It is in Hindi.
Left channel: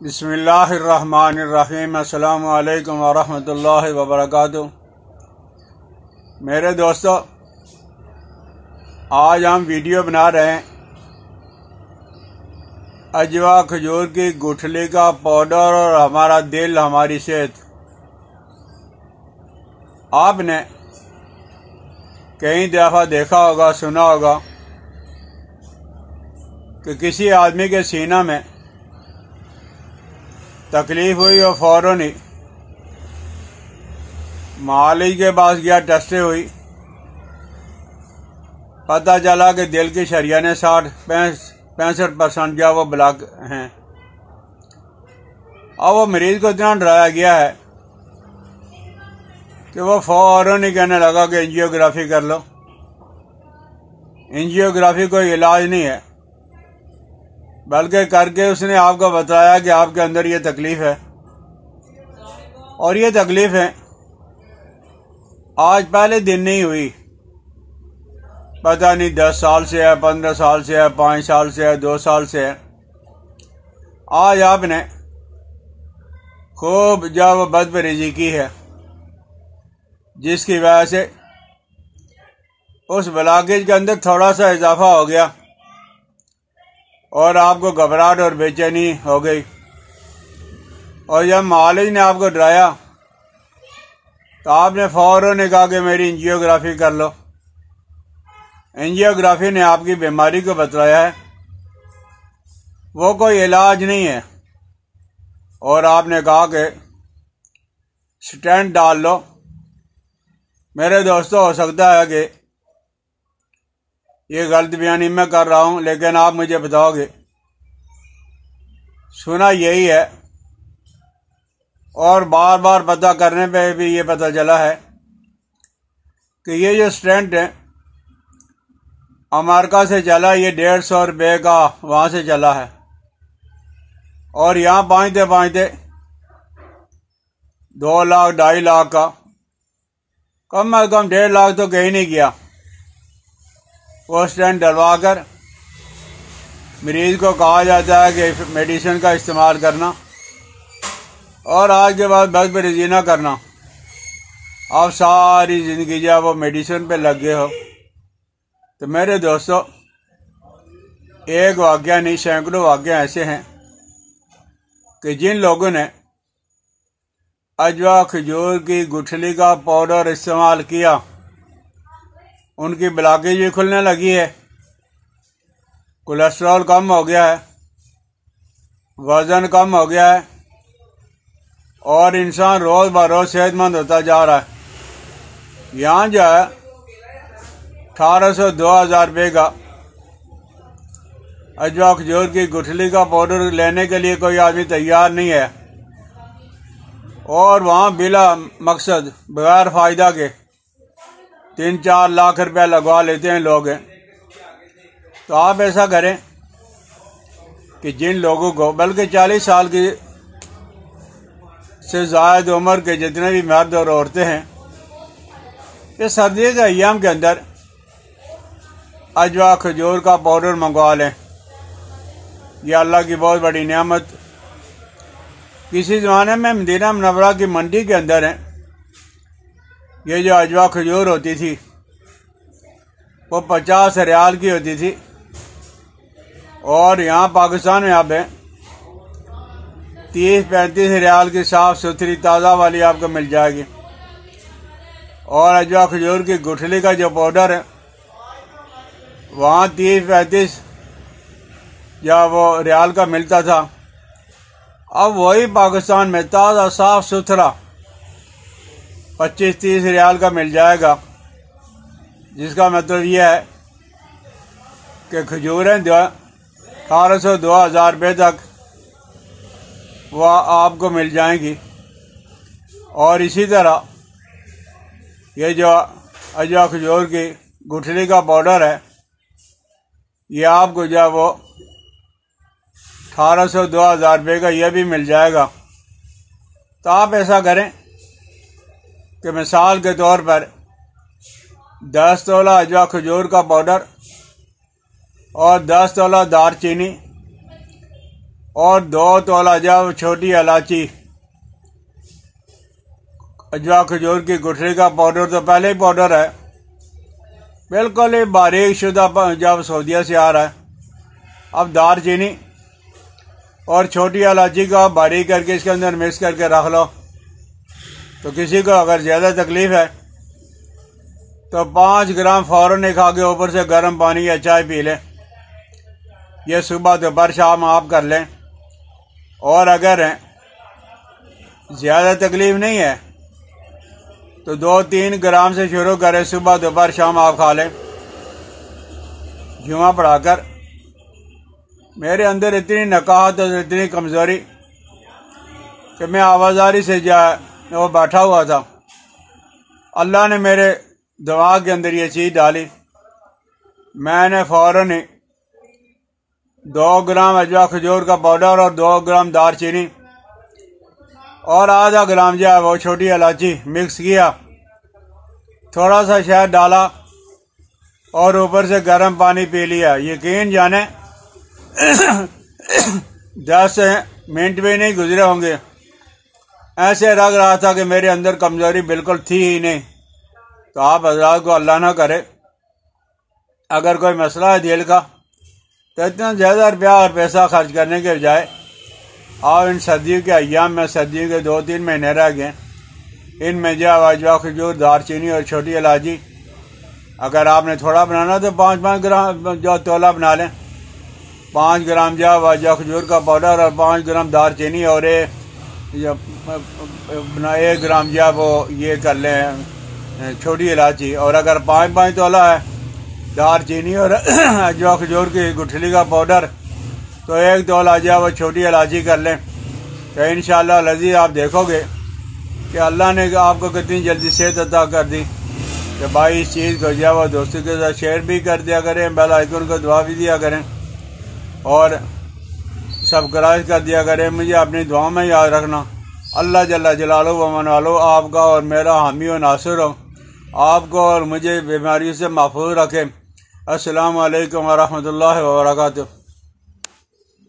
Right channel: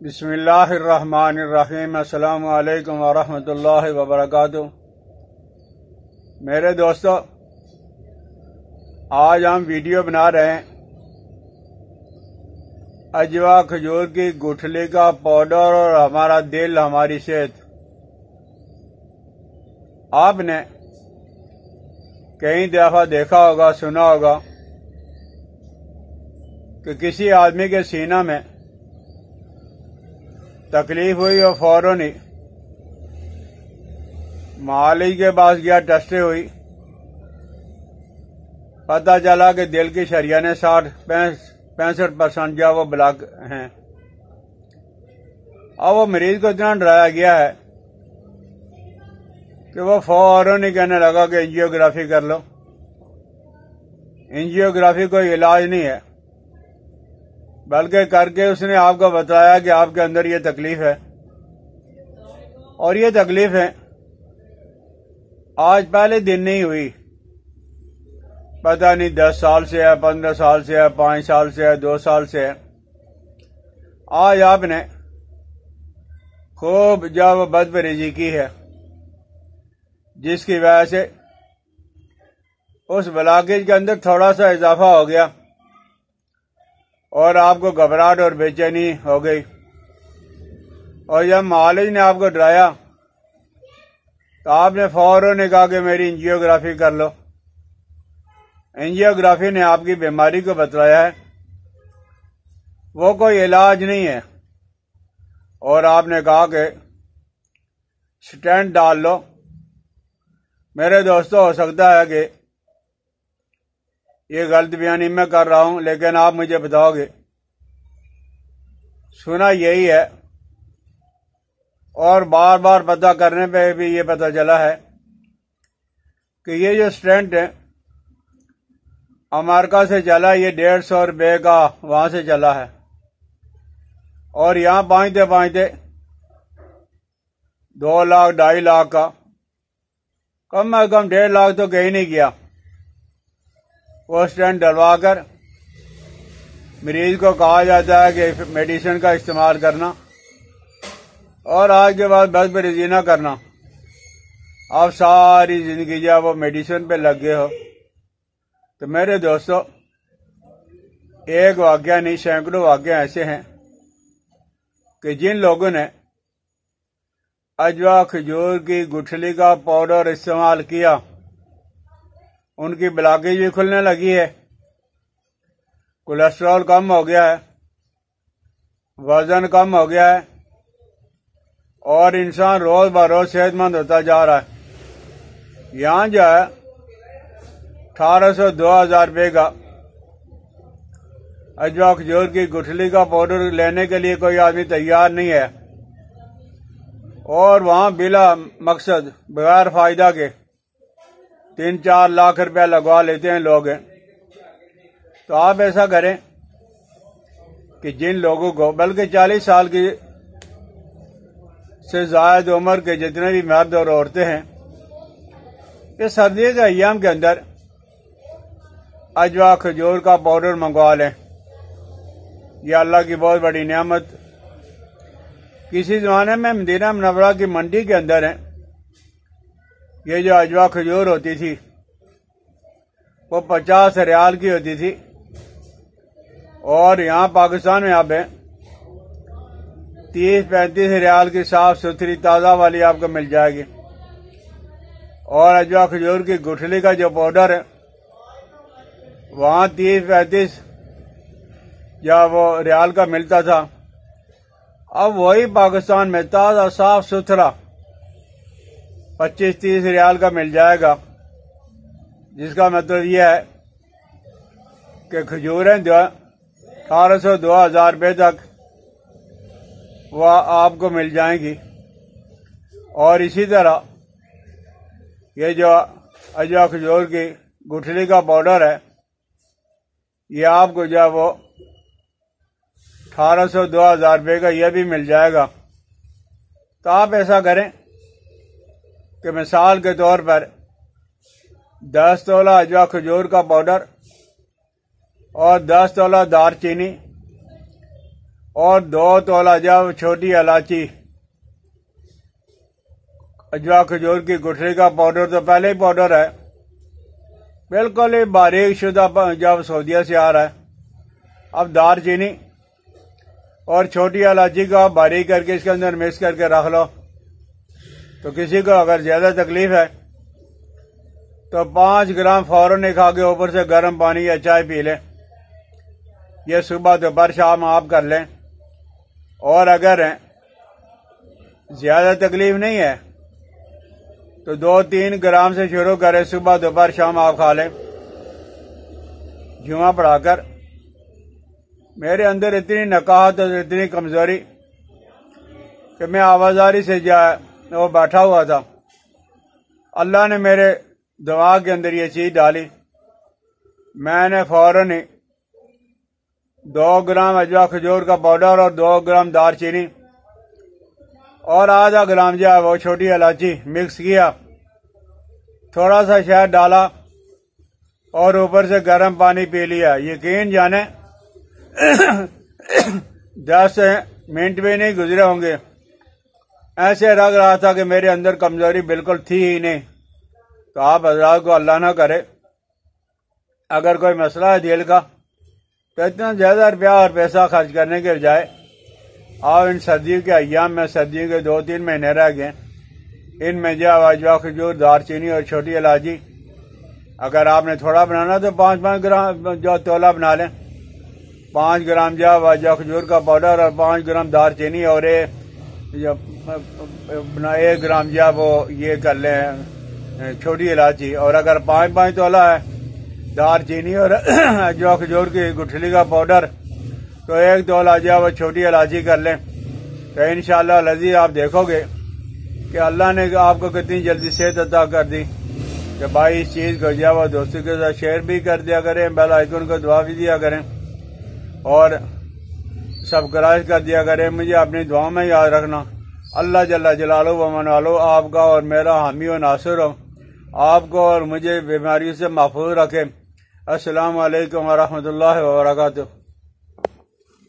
बिस्मिल्लाहिर्रहमानिर्रहीम। अस्सलामु अलैकुम वरहमतुल्लाहि वबरकातुहू। मेरे दोस्तों, आज हम वीडियो बना रहे हैं अजवा खजूर की गुठली का पाउडर और हमारा दिल, हमारी सेहत। आपने कई दफ़ा देखा होगा, सुना होगा कि किसी आदमी के सीना में तकलीफ हुई और फौरन ही मालिक के पास गया, टेस्टें हुई, पता चला कि दिल की शरियानें 65% जो वो ब्लॉक हैं। अब वो मरीज को इतना डराया गया है कि वो फौरन ही कहने लगा कि एंजियोग्राफी कर लो। एंजियोग्राफी कोई इलाज नहीं है, बल्कि करके उसने आपको बताया कि आपके अंदर ये तकलीफ है, और ये तकलीफ है आज पहले दिन नहीं हुई, पता नहीं 10 साल से है, 15 साल से है, 5 साल से है, 2 साल से है। आज आपने खूब जब बदपरहेजी की है, जिसकी वजह से उस ब्लॉकेज के अंदर थोड़ा सा इजाफा हो गया और आपको घबराहट और बेचैनी हो गई। और जब मालिक ने आपको डराया तो आपने फौरन कहा कि मेरी एंजियोग्राफी कर लो। एंजियोग्राफी ने आपकी बीमारी को बतलाया है, वो कोई इलाज नहीं है, और आपने कहा कि स्टेंट डाल लो। मेरे दोस्तों, हो सकता है कि ये गलत बयानी मैं कर रहा हूं, लेकिन आप मुझे बताओगे, सुना यही है और बार बार पता करने पे भी ये पता चला है कि ये जो स्टेंट है अमेरिका से चला, ये 150 रुपये का वहां से चला है, और यहाँ पहुंचते पहुंचते 2 लाख 2.5 लाख का, कम अज कम 1.5 लाख तो कहीं नहीं गया। वो स्टेंट डलवा कर मरीज को कहा जाता है कि मेडिसिन का इस्तेमाल करना, और आज के बाद बदपरहेजी ना करना। आप सारी जिंदगी जब वो मेडिसिन पे लग गए हो, तो मेरे दोस्तों, एक वाक़या नहीं, सैकड़ों वाक़े ऐसे हैं कि जिन लोगों ने अजवा खजूर की गुठली का पाउडर इस्तेमाल किया, उनकी ब्लॉकेज भी खुलने लगी है, कोलेस्ट्रॉल कम हो गया है, वजन कम हो गया है, और इंसान रोज बरोज सेहतमंद होता जा रहा है। यहाँ जो है 1800-2000 रुपये का अजवा खजूर की गुठली का पाउडर लेने के लिए कोई आदमी तैयार नहीं है, और वहाँ बिला मकसद बगैर फायदा के 3-4 लाख रुपया लगवा लेते हैं लोग। तो आप ऐसा करें कि जिन लोगों को, बल्कि 40 साल की से ज़ायद उम्र के जितने भी मर्द और औरतें हैं, ये सर्दी के अय्याम के अंदर अजवा खजूर का पाउडर मंगवा लें। यह अल्लाह की बहुत बड़ी नेमत। किसी ज़माने में मदीना मुनव्वरा की मंडी के अंदर है, ये जो अजवा खजूर होती थी वो 50 रियाल की होती थी, और यहाँ पाकिस्तान में अब 30-35 रियाल की साफ सुथरी ताज़ा वाली आपको मिल जाएगी। और अजवा खजूर की गुठली का जो पाउडर है वहाँ 30-35 जब वो रियाल का मिलता था, अब वही पाकिस्तान में ताज़ा साफ सुथरा 25-30 रियाल का मिल जाएगा। जिसका मतलब यह है कि खजूरें 1800-2000 रुपये तक वह आपको मिल जाएंगी। और इसी तरह ये जो अजवा खजूर की गुठली का पाउडर है, ये आपको जो वो 1800-2000 रुपये का यह भी मिल जाएगा। तो आप ऐसा करें कि मिसाल के तौर पर 10 तोला अजवा खजूर का पाउडर और 10 तोला दालचीनी और 2 तोला जब छोटी इलायची, अजवा खजूर की गुठली का पाउडर तो पहले ही पाउडर है, बिल्कुल ही बारीक शुदा जब सऊदीया से आ रहा है। अब दारचीनी और छोटी इलायची का बारीक करके इसके अंदर मिक्स करके रख लो। तो किसी को अगर ज़्यादा तकलीफ है तो 5 ग्राम फ़ौरन ही खा के ऊपर से गर्म पानी या चाय पी लें। ये सुबह दोपहर शाम आप कर लें। और अगर ज़्यादा तकलीफ नहीं है तो 2-3 ग्राम से शुरू करें, सुबह दोपहर शाम आप खा लें जुमा पढ़ाकर। मेरे अंदर इतनी नकाहत और इतनी कमज़ोरी कि मैं आवाज़ारी से वो बैठा हुआ था, अल्लाह ने मेरे दिमाग के अंदर ये चीज़ डाली। मैंने फ़ौरन ही 2 ग्राम अजवा खजूर का पाउडर और 2 ग्राम दारचीनी और आधा ग्राम जो है वो छोटी इलायची मिक्स किया, थोड़ा सा शहद डाला और ऊपर से गर्म पानी पी लिया। यकीन जाने 10 मिनट भी नहीं गुजरे होंगे, ऐसे लग रहा था कि मेरे अंदर कमज़ोरी बिल्कुल थी ही नहीं। तो आप हज़रात को अल्लाह ना करे, अगर कोई मसला है दिल का तो इतना ज़्यादा रुपया और पैसा खर्च करने के बजाय आप इन सर्दियों के अय्याम में, सर्दियों के 2-3 महीने रह गए, इनमें जो अजवा खजूर, दारचीनी और छोटी इलायची, अगर आपने थोड़ा बनाना तो 5-5 ग्राम जो तोला बना लें। 5 ग्राम जो अजवा खजूर का पाउडर और 5 ग्राम दारचीनी और 1 ग्राम जो वो ये कर लें छोटी इलायची। और अगर 5-5 तोला है दारचीनी और अजवा खजूर की गुठली का पाउडर तो 1 तोला जो वो छोटी इलायची कर लें। तो इंशाअल्लाह लजीज आप देखोगे कि अल्लाह ने आपको कितनी जल्दी सेहत अता कर दी। कि भाई इस चीज़ को जो वो दोस्तों के साथ शेयर भी कर दिया करें, बेल आइकन को दुआ भी दिया करें और सब्सक्राइब कर दिया करें। मुझे अपनी दुआ में याद रखना। अल्लाह जल्ला जलालो व मनालो आपका और मेरा हामी व नासिर हो, आपको और मुझे बीमारियों से महफूज रखे। अस्सलामु अलैकुम व रहमतुल्लाहि व बरकातुहू।